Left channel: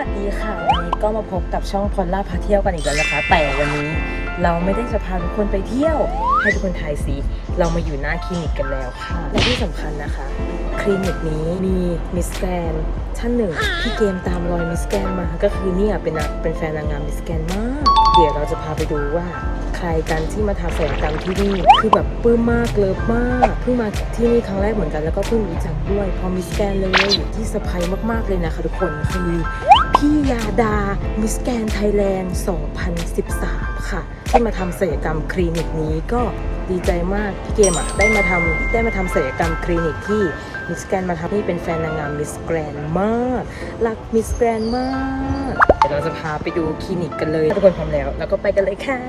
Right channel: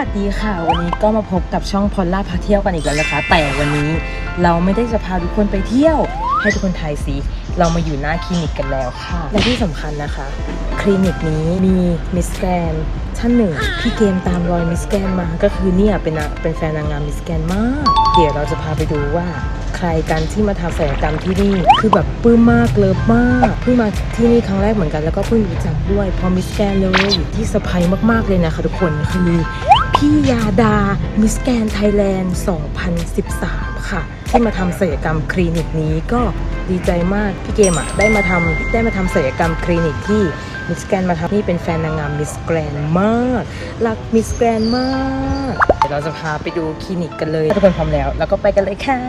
วัสดีค่ะ วันนี้ก็มาพบกับช่องพอลล่าพาเที่ยวกันอีกแล้วนะคะ แต่วันนี้เราไม่ได้จะพาทุกคนไปเที่ยว ให้ทุกคนทายสิเรามาอยู่หน้าคลินิกกันแล้วค่ะ และที่สำคัญนะคะ คลินิกนี้มีมิสแกนท่านหนึ่งที่เกมตามรอยมิสแกนมา ก็คือเนี่ยเป็นนางเป็นแฟนนางงามมิสแกนมาก เดี๋ยวเราจะพาไปดูว่าใครกันที่มาทำศัลยกรรมที่นี่คือแบบปลื้มมากเลิฟมากเพิ่งมาที่นี่ครั้งแรกเหมือนกันแล้วก็เพิ่งรู้จักด้วยพอมิสแกนเลยที่เซอร์ไพรส์มากๆเลยนะคะทุกคนคือ พี่ยาดา มิสแกนไทยแลนด์ 2013 ค่ะ ที่มาทำศัลยกรรมคลินิกนี้ก็ดีใจมาก พี่เกมอะได้มาทำได้มาทำศัลยกรรมคลินิกที่มิสแกนมาทำนี่เป็นแฟนนางงามมิสแกรนมาก รักมิสแกรนมาก เดี๋ยวเราจะพาไปดูคลินิกกันเลยถ้าทุกคนพร้อมแล้ว แล้วก็ไปกันเลยค่ะ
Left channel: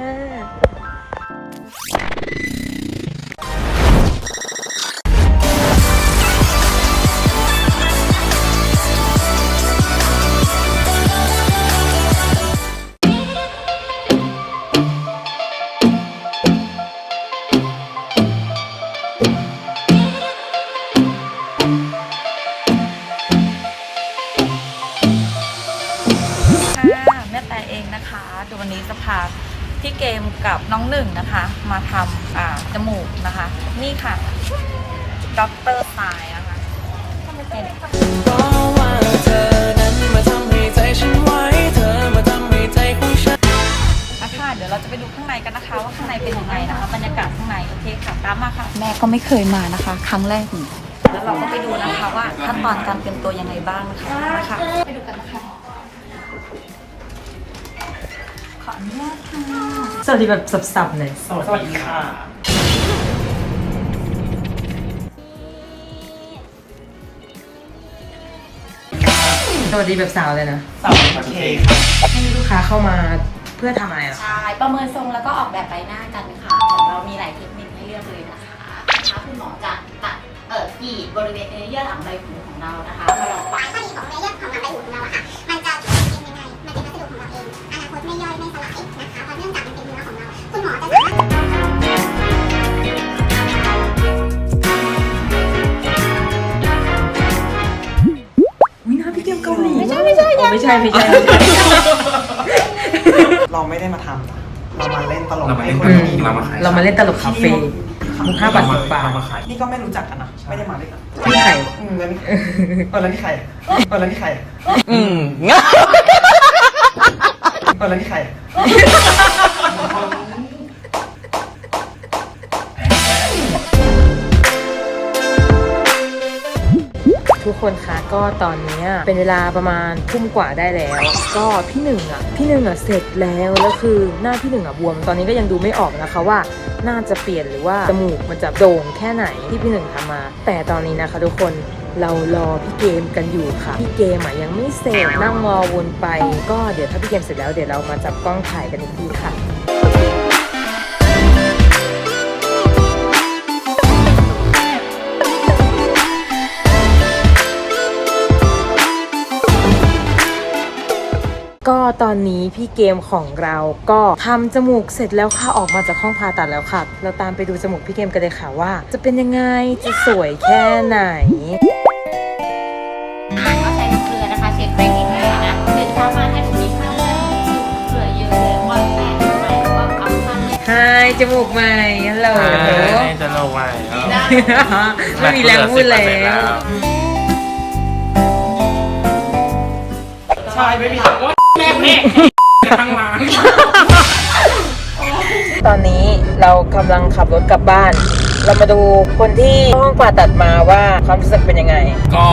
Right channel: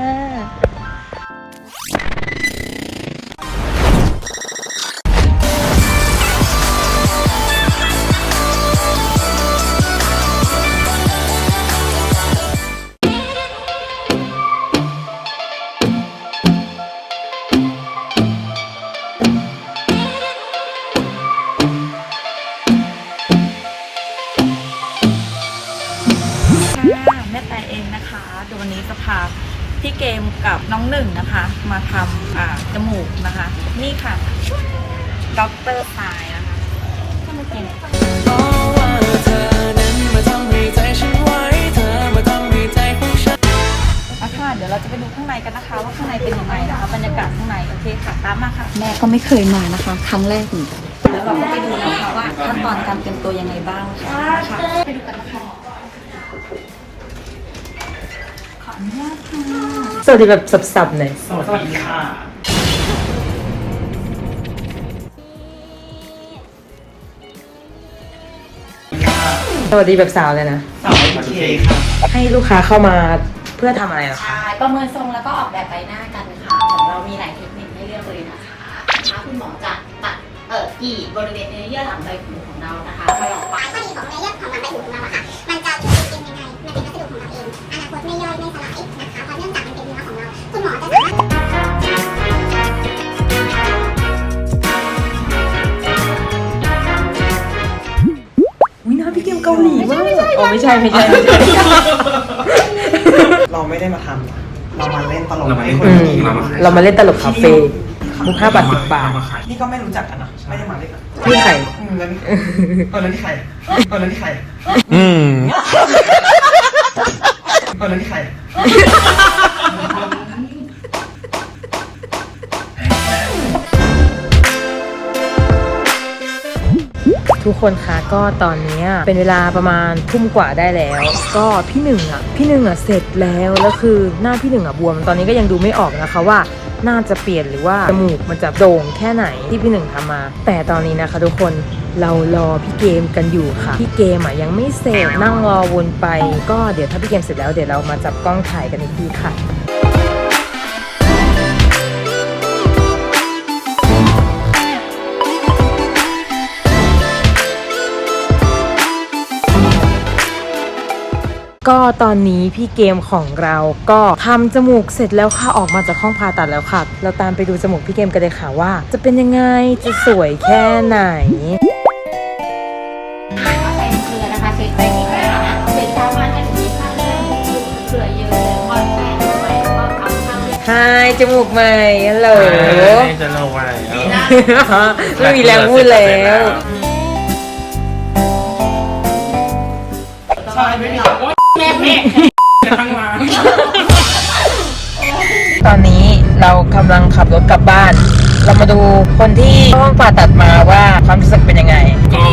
พี่เกมกับน้องหนึ่งนะคะ มาทำอ่าจมูกนะคะ นี่ค่ะด็อกเตอร์สายนะคะนี่เพราะว่าเธอนั้นมาทำให้ใจฉันไว้เธอมาทำให้ใจของฉันอะค่ะเดี๋ยวเราจะไปดูข้างในกันนะคะ ว่าข้างในเป็นยังไงนะคะบรรยากาศข้างในโอเคค่ะตามมาค่ะ แม่ก็ไม่เคยมานะคะ ครั้งแรกเหมือนกันแล้วเราก็ไปดูนะคะว่าขั้นตอนการเตรียมตัวยังไงบ้างค่ะค่ะไปดูกันนะคะ สวัสดีแบบสับๆหน่อยสวัสดีค่ะ สวัสดีแบบสาวเลยนะ สวัสดีค่ะให้ลูกค้าเข้ามาเพื่อทำอะไรอะคะ ใช่ประเมินทรงแล้วก็ออกแบบใบหน้ากันค่ะของเรามีหลายเทคนิคให้เลือกเลยนะคะนะคะคุณหมอจะตัดเอ่อกี่บริเวณเนื้อเยื่อหลังใบหูของเรานะคะ ไม่ได้มาทำนะเรามาเล่นตลกเรามาเล่นให้คนอืมดีมาเรามาเล่นตลกคาเฟ่มุกห้าบาทสิบบาทนี่ก็ไม่รู้จักกันนะไม่ได้มาเล่นกันพี่ไข่อืมงั้นเอาแล้วนี่ใครเอาแล้วนี่ใครอืมเอาแล้วนี่ใคร คนคะก็ตอนนี้เป็นเวลาประมาณทุ่มกว่าได้แล้ว ก็พี่หนึ่งอะพี่หนึ่งอะเสร็จแล้วแล้วคือหน้าพี่หนึ่งอะบวม ตอนนี้ก็ยังดูไม่ออกนะคะว่าหน้าจะเปลี่ยนหรือว่าจมูกมันจะโด่งแค่ไหนที่พี่หนึ่งทำมา แต่ตอนนี้นะคะทุกคนเรารอพี่เกมกันอยู่ค่ะ พี่เกมอะยังไม่เสร็จนั่งรอวนไป ก็เดี๋ยวถ้าพี่เกมเสร็จแล้วเดี๋ยวเรามาจับกล้องถ่ายกันอีกทีค่ะ ก็ตอนนี้พี่เกมของเราก็ทำจมูกเสร็จแล้วค่ะออกมาจากห้องผ่าตัดแล้วค่ะ เราตามไปดูจมูกพี่เกมกันเลยค่ะว่า จะเป็นยังไงจะสวยแค่ไหนใส่เกลือนะคะเช็ดไปนิดหน่อยนะเสร็จประมาณนาทีข้างเกลือเยอะๆวันแรกก็เอาข้างฮายจมูกใหม่ฮัลโหลจะเอาไว้ไม่มีแรงพูดแล้วใช่ไม่มีแต่ว่าแม่แม่ ทั้งร้านตอนนี้เรากำลังขับรถกลับบ้าน เรามาดูคนที่ห้องผ่าตัดมาว่าความรู้สึกเป็นยังไง ก็